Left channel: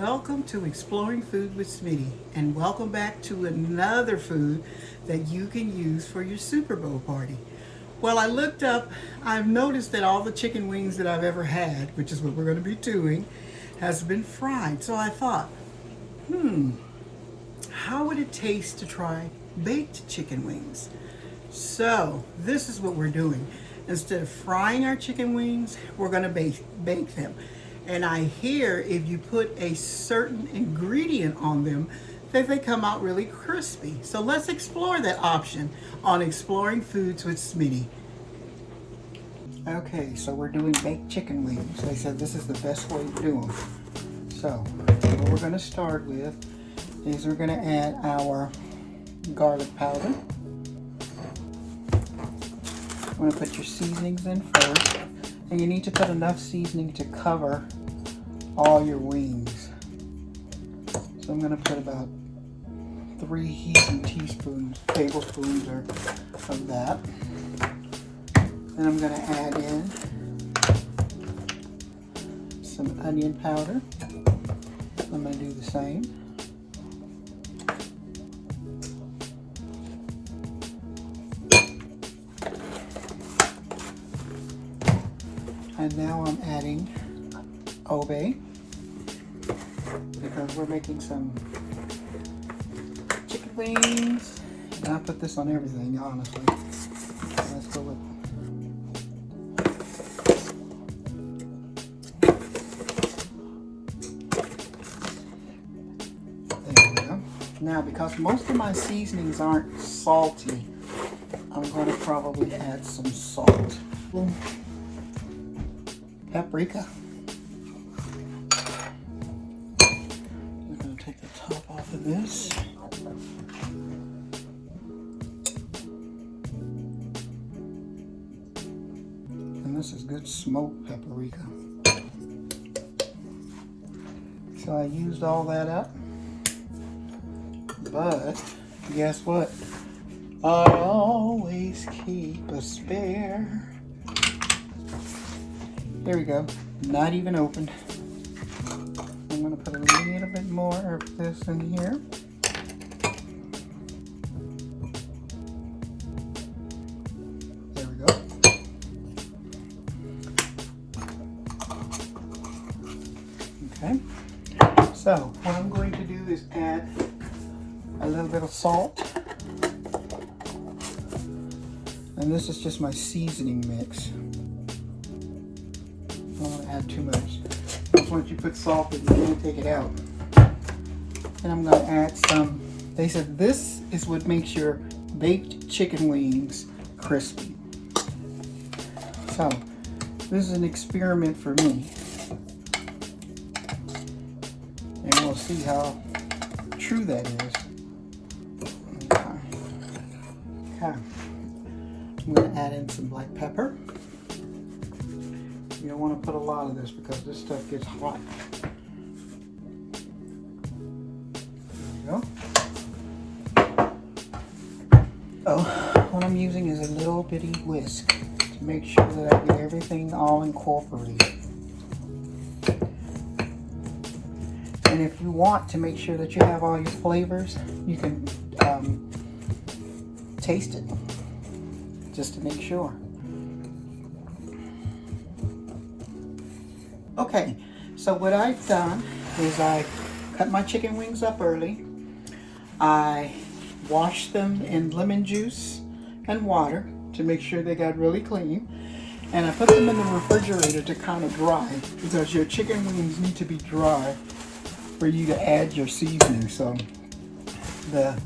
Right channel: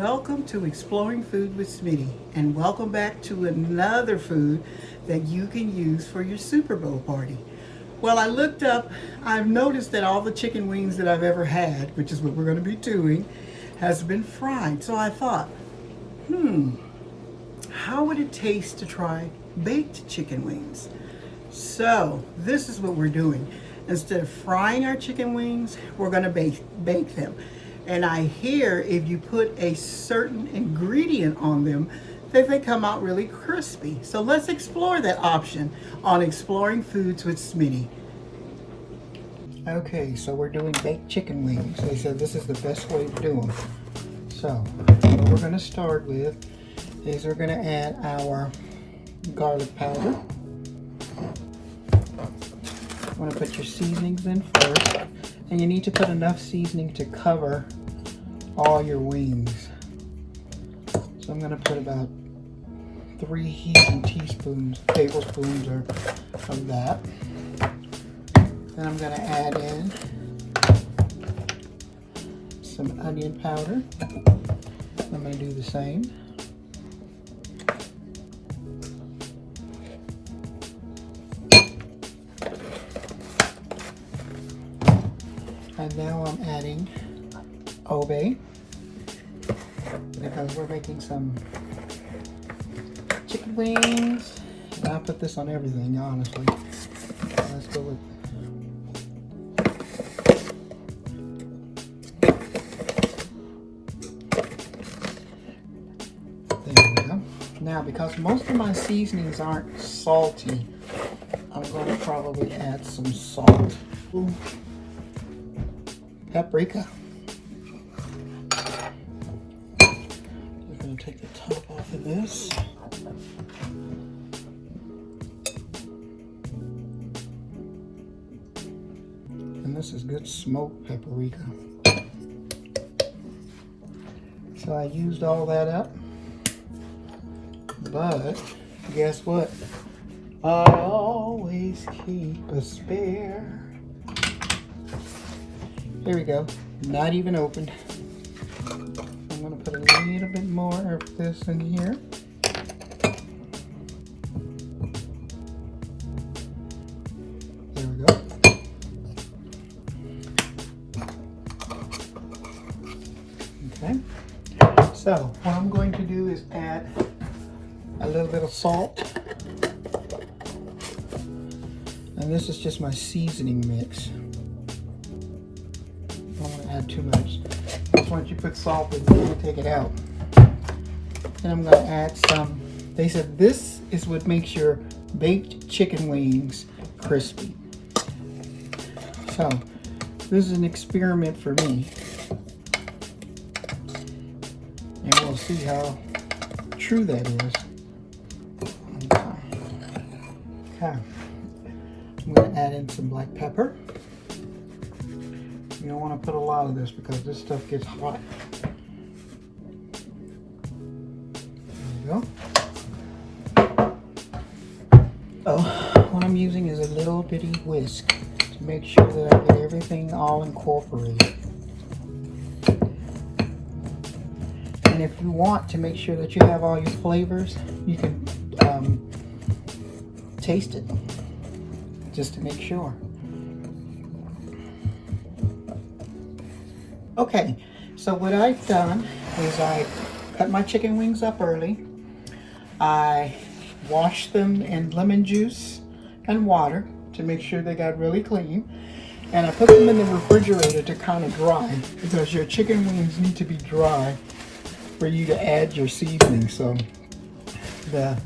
Welcome to Exploring Food with Smitty, and welcome back to another food that you can use for your Super Bowl party. Well, I looked up, I've noticed that all the chicken wings that I've ever had, which is what we're going to be doing, has been fried. So I thought, how would it taste to try baked chicken wings? So this is what we're doing. Instead of frying our chicken wings, we're going to bake them. And I hear if you put a certain ingredient on them, that they come out really crispy. So let's explore that option on Exploring Foods with Smitty. Okay, so we're doing baked chicken wings. They said this is the best way to do them. So what we're going to start with is we're going to add our garlic powder. I'm going to put your seasonings in first. And you need to put enough seasoning to cover all your wings. So I'm going to put about 3 heaping tablespoons of that. Then I'm going to add in some onion powder. I'm going to do the same. And now I'm adding obey, because we're making some chicken wings. And I'll put this on everything, honestly. Let's go with there we go. Now, because most of my seasonings aren't salty, I'm going to probably add some salt. Paprika. I'm going to take the top off of this. And this is good smoked paprika. So I used all that up. But guess what? I always keep a spare. Here we go, not even opened. I'm going to put a little bit more of this in here. There we go. Okay, so what I'm going to do is add a little bit of salt. And this is just my seasoning mix. I don't want to add too much. Because once you put salt in, you can't take it out. And I'm going to add some. They said this is what makes your baked chicken wings crispy. So this is an experiment for me. And we'll see how true that is. Okay. I'm going to add in some black pepper. You don't want to put a lot of this because this stuff gets hot. There you go. Oh, what I'm using is a little bitty whisk to make sure that I get everything all incorporated. And if you want to make sure that you have all your flavors, you can taste it just to make sure. Okay, so what I've done is I cut my chicken wings up early. I washed them in lemon juice and water to make sure they got really clean. And I put them in the refrigerator to kind of dry, because your chicken wings need to be dry for you to add your seasoning. So the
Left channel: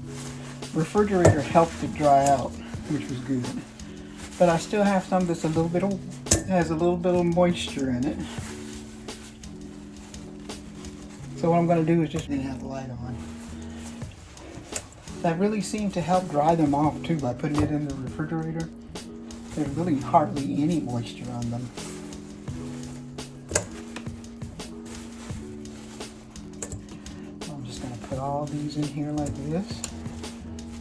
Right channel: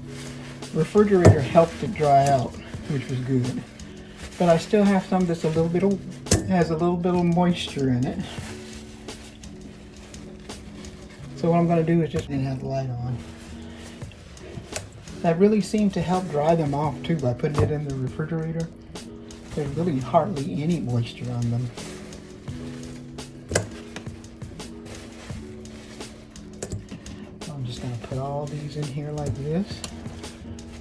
refrigerator helped it dry out, which was good. But I still have some that's has a little bit of moisture in it. So what I'm going to do is just have the light on. That really seemed to help dry them off too by putting it in the refrigerator. There's really hardly any moisture on them. So I'm just going to put all these in here like this.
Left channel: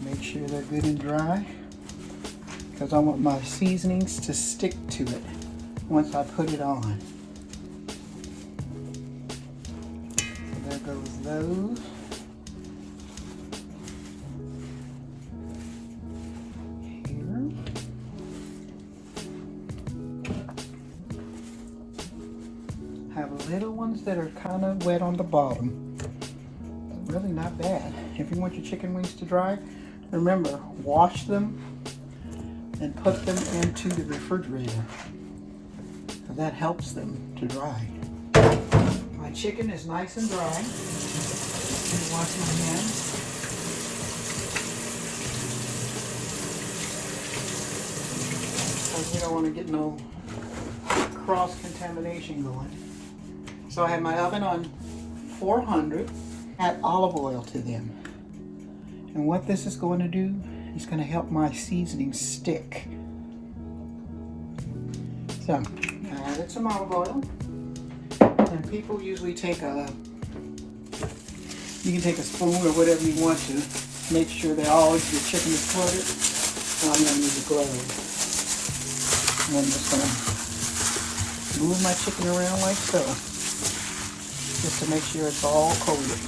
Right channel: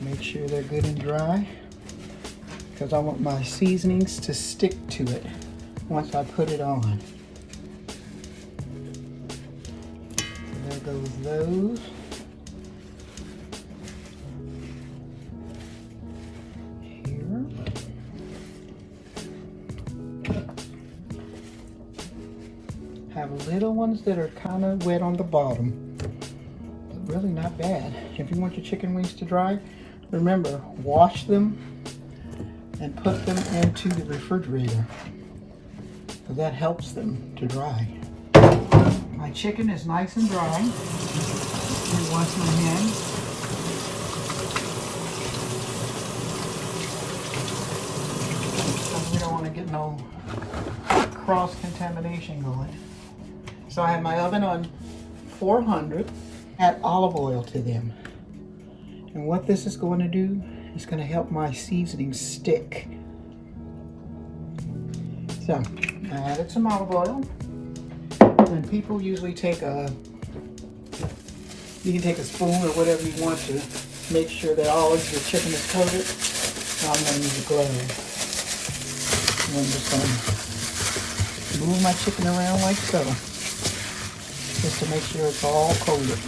Make sure they're good and dry, because I want my seasonings to stick to it once I put it on. There those. Have little ones that are kind of wet on the bottom. Really not bad. If you want your chicken wings to dry, remember, wash them and put them into the refrigerator. So that helps them to dry. My chicken is nice and dry. I wash my hands. Because we don't want to get no cross-contamination going. So I have my oven on 400, add olive oil to them. And what this is going to do is going to help my seasoning stick. So I added some olive oil. And people usually take you can take a spoon or whatever you want to make sure that all of your chicken is coated. So I'm going to use a glove. And I'm just going to move my chicken around like so, just to make sure it's all coated.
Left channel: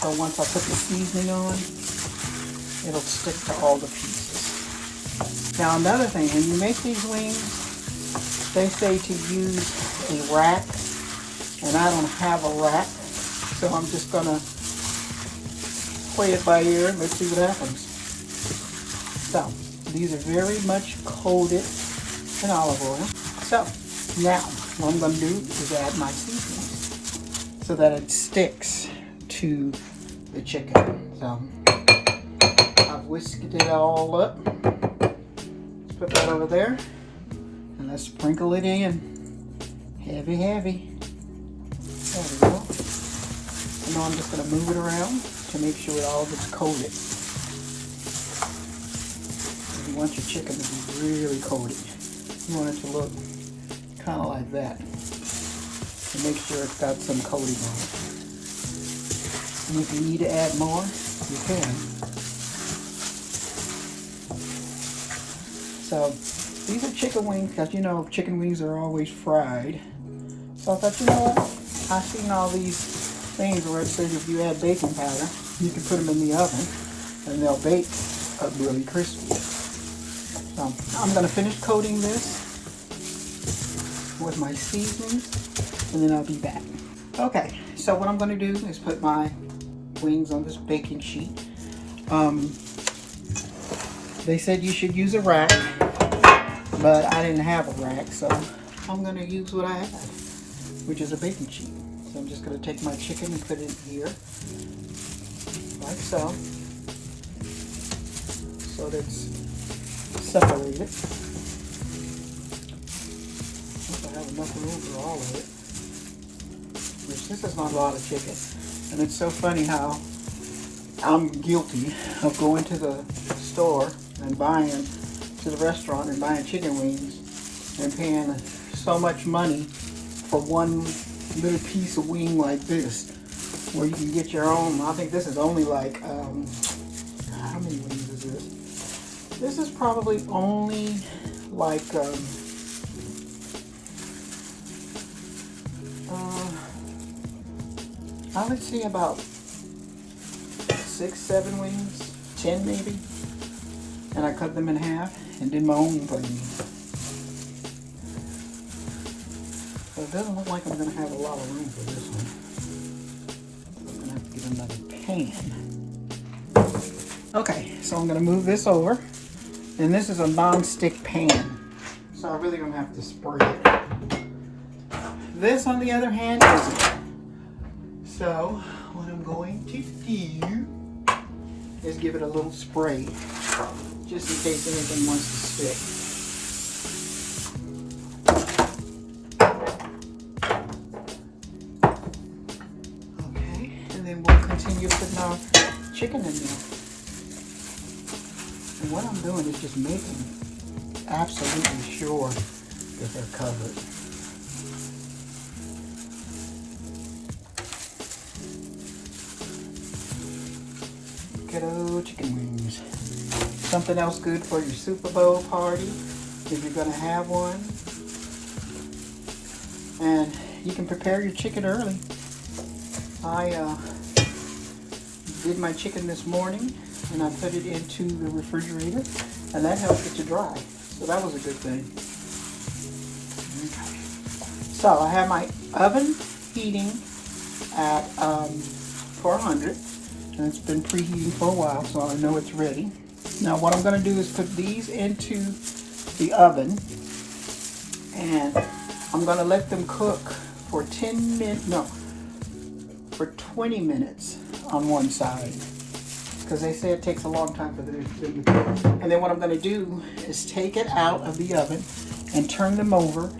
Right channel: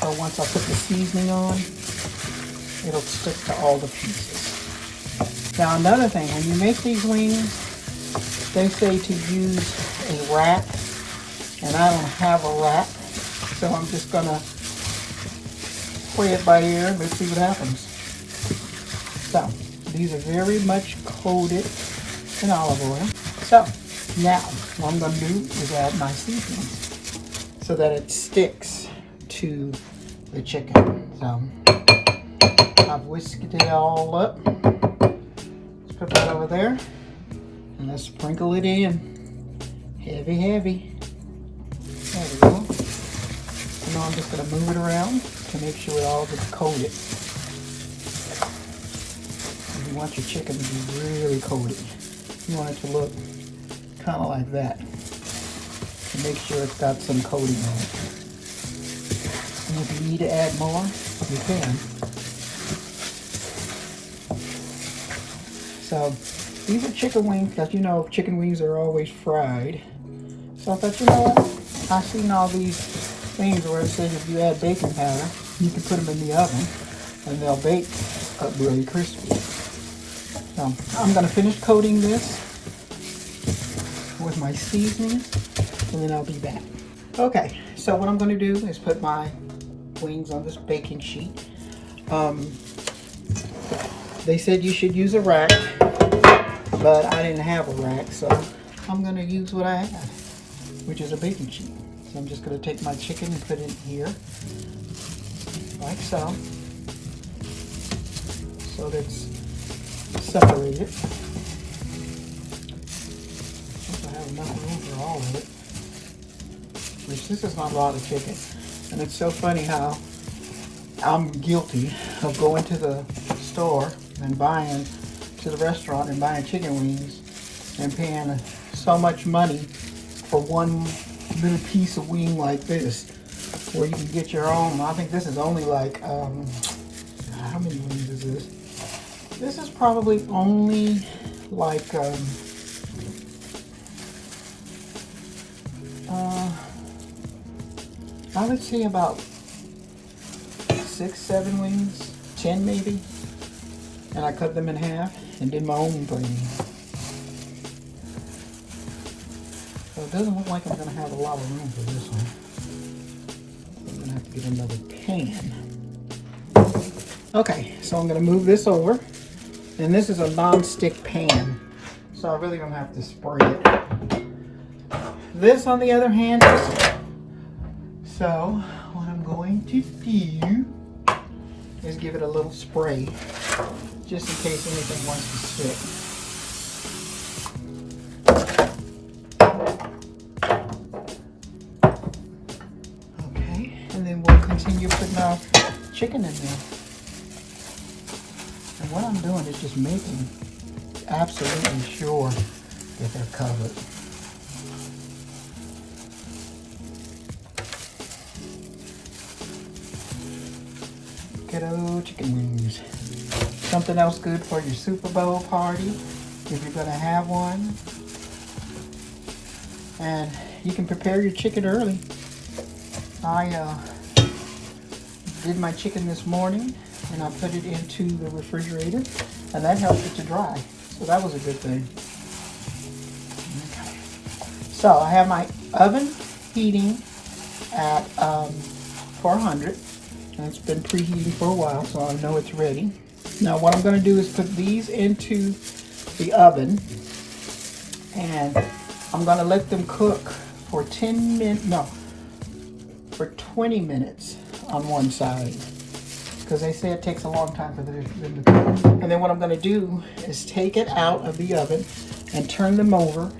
So once I put the seasoning on, it'll stick to all the pieces. Now another thing, when you make these wings, they say to use a rack, and I don't have a rack, so I'm just gonna play it by ear and let's see what happens. So these are very much coated in olive oil. So now what I'm gonna do is add my seasoning so that it sticks to the chicken. So I've whisked it all up. Let's put that over there, and let's sprinkle it in. Heavy, heavy. There we go. And now I'm just going to move it around to make sure it all gets coated. You want your chicken to be really coated. You want it to look kind of like that. To make sure it's got some coating on it. And if you need to add more, you can. So these are chicken wings, because you know chicken wings are always fried. So I thought, you know what? I've seen all these things where it says if you add baking powder, you can put them in the oven and they'll bake up really crispy. So I'm going to finish coating this with my seasonings, and then I'll be back. Okay, so what I'm going to do is put my wings on this baking sheet. They said you should use a rack, but I didn't have a rack, so I'm going to use what I have, which is a baking sheet. So I'm just going to take my chicken and put it here, like so that it's separated. I have enough room for all of it, which this is not a lot of chicken. And it's so funny how I'm guilty of going to the store and buying, to the restaurant and buying chicken wings and paying so much money for one little piece of wing like this, where you can get your own. I think this is only like, how many wings is this? This is probably only like, I would say about 6, 7 wings, 10 maybe. And I cut them in half and did my own thing. So it doesn't look like I'm going to have a lot of room for this one. I'm going to have to get another pan. Okay, so I'm going to move this over. And this is a non-stick pan, so I really don't have to spray it. This, on the other hand, isn't. So what I'm going to do is give it a little spray, just in case anything wants to stick. Okay, and then we'll continue putting our chicken in there. And what I'm doing is just making absolutely sure that they're covered. Kiddo chicken wings. Something else good for your Super Bowl party, if you're gonna have one. And you can prepare your chicken early. I did my chicken this morning and I put it into the refrigerator and that helped it to dry. So that was a good thing. Okay. So I have my oven heating at 400 and it's been preheated for a while, so I know it's ready. Now what I'm going to do is put these into the oven and I'm going to let them cook for 20 minutes on one side, because they say it takes a long time for them to cook. And then what I'm going to do is take it out of the oven and turn them over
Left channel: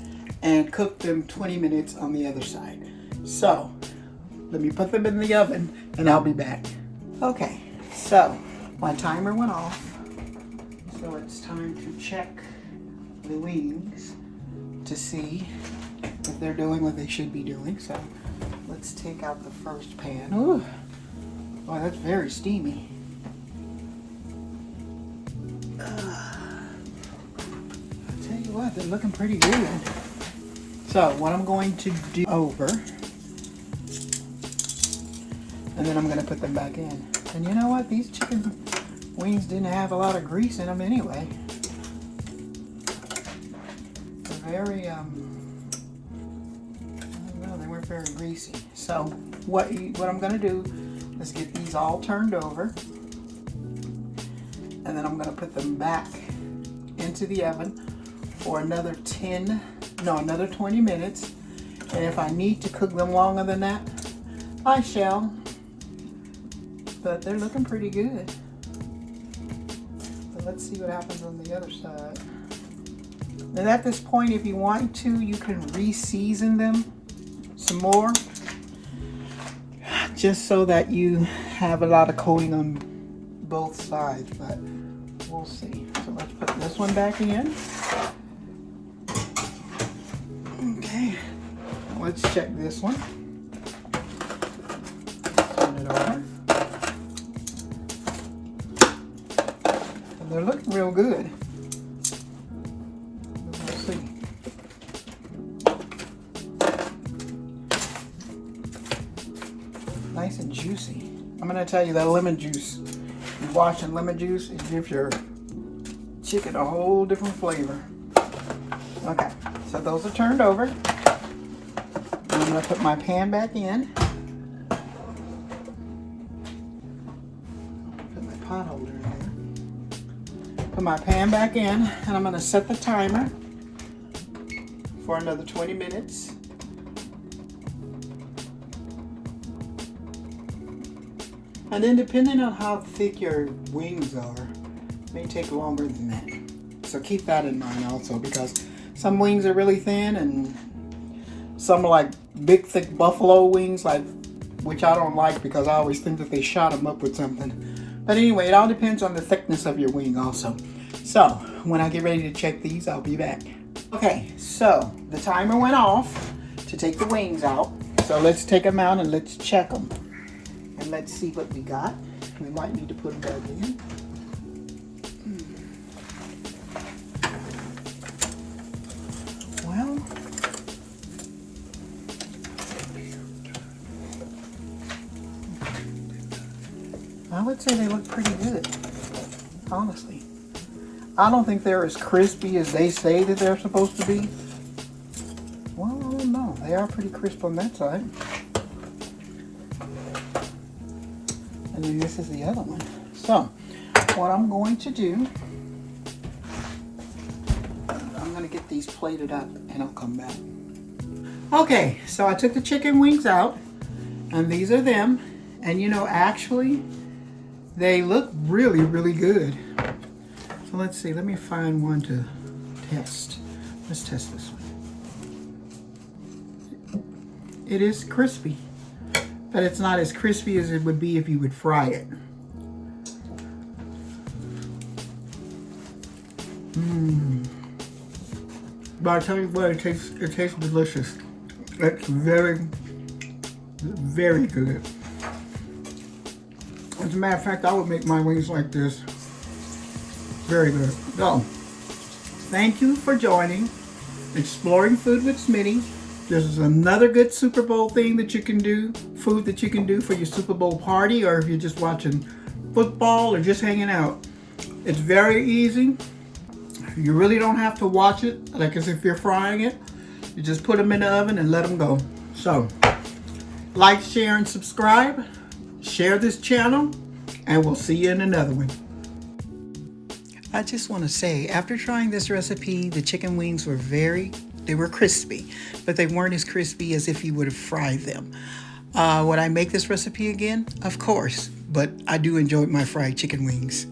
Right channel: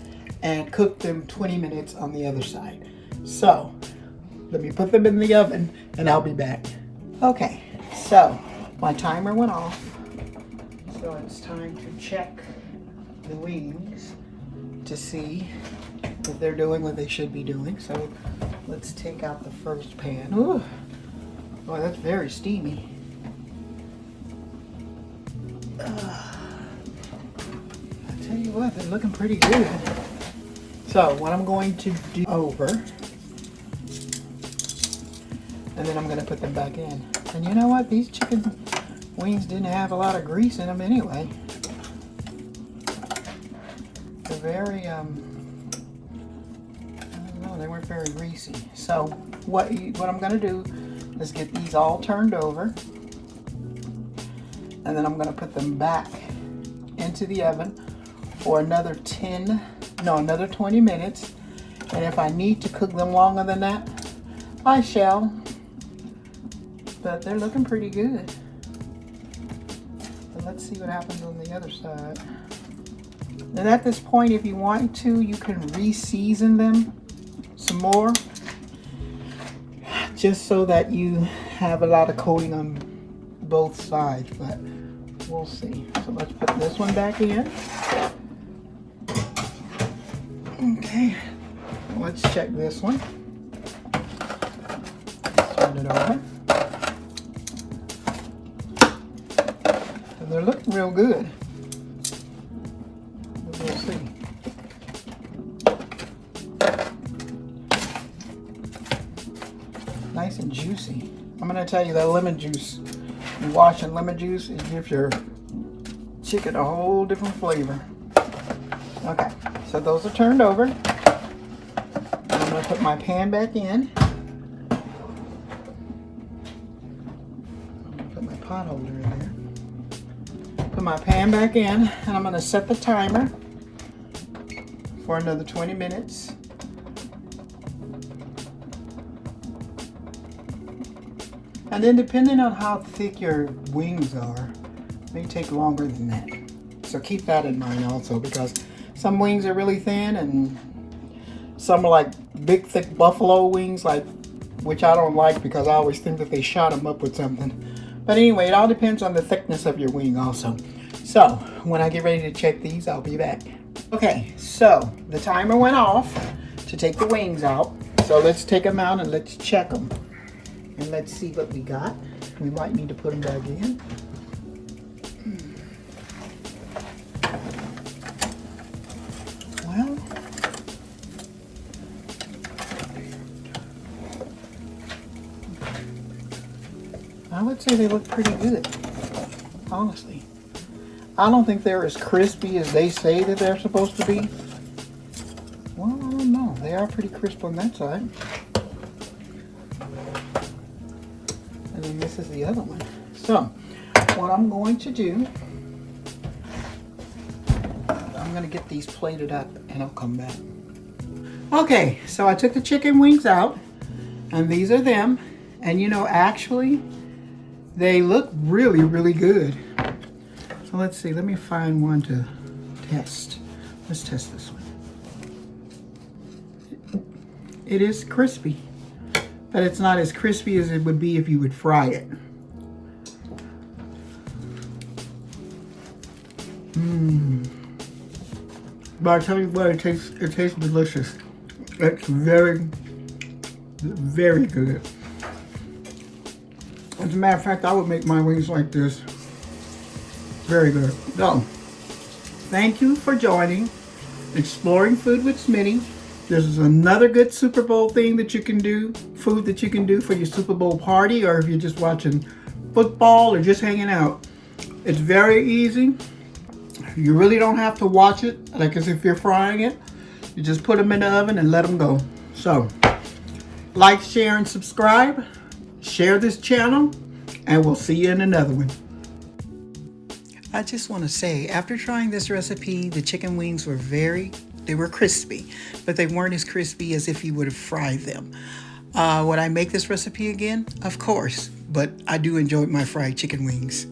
and cook them 20 minutes on the other side. So let me put them in the oven and I'll be back. Okay, so my timer went off, so it's time to check the wings to see if they're doing what they should be doing. So let's take out the first pan. Ooh, boy, that's very steamy. I tell you what, they're looking pretty good. So what I'm going to do over, and then I'm going to put them back in. And you know what? These chicken wings didn't have a lot of grease in them anyway. They're very, I don't know, they weren't very greasy. So what I'm going to do is get these all turned over. And then I'm going to put them back into the oven for another 20 minutes. And if I need to cook them longer than that, I shall. But they're looking pretty good. But let's see what happens on the other side. And at this point, if you want to, you can re-season them some more, just so that you have a lot of coating on both sides. But we'll see. So let's put this one back in. Okay, let's check this one. Turn it over. And they're looking real good. We'll see. Nice and juicy. I'm gonna tell you that lemon juice, you wash in lemon juice, it gives your chicken a whole different flavor. Okay, so those are turned over. I'm gonna put my pan back in. Put my pot holder in there. Put my pan back in, and I'm gonna set the timer for another 20 minutes. And then depending on how thick your wings are, it may take longer than that. So keep that in mind also, because some wings are really thin and some are like big thick buffalo wings, which I don't like because I always think that they shot them up with something. But anyway, it all depends on the thickness of your wing also. So when I get ready to check these, I'll be back. Okay, so the timer went off to take the wings out. So let's take them out and let's check them. And let's see what we got. We might need to put them back in. Well, I would say they look pretty good, honestly. I don't think they're as crispy as they say that they're supposed to be. Well, I don't know. They are pretty crisp on that side. And then this is the other one. So, what I'm going to do, I'm going to get these plated up and I'll come back. Okay, so I took the chicken wings out and these are them. And you know, actually, they look really, really good. So let's see, let me find one to test. Let's test this one. It is crispy, but it's not as crispy as it would be if you would fry it. But I tell you what, it tastes delicious. It's very, very good. As a matter of fact, I would make my wings like this. Very good. So, thank you for joining Exploring Food with Smitty. This is another good Super Bowl thing that you can do, food that you can do for your Super Bowl party, or if you're just watching football or just hanging out. It's very easy. You really don't have to watch it like as if you're frying it. You just put them in the oven and let them go. So, like, share, and subscribe. Share this channel, and we'll see you in another one. I just want to say, after trying this recipe, the chicken wings were they were crispy, but they weren't as crispy as if you would have fried them. Would I make this recipe again? Of course, but I do enjoy my fried chicken wings.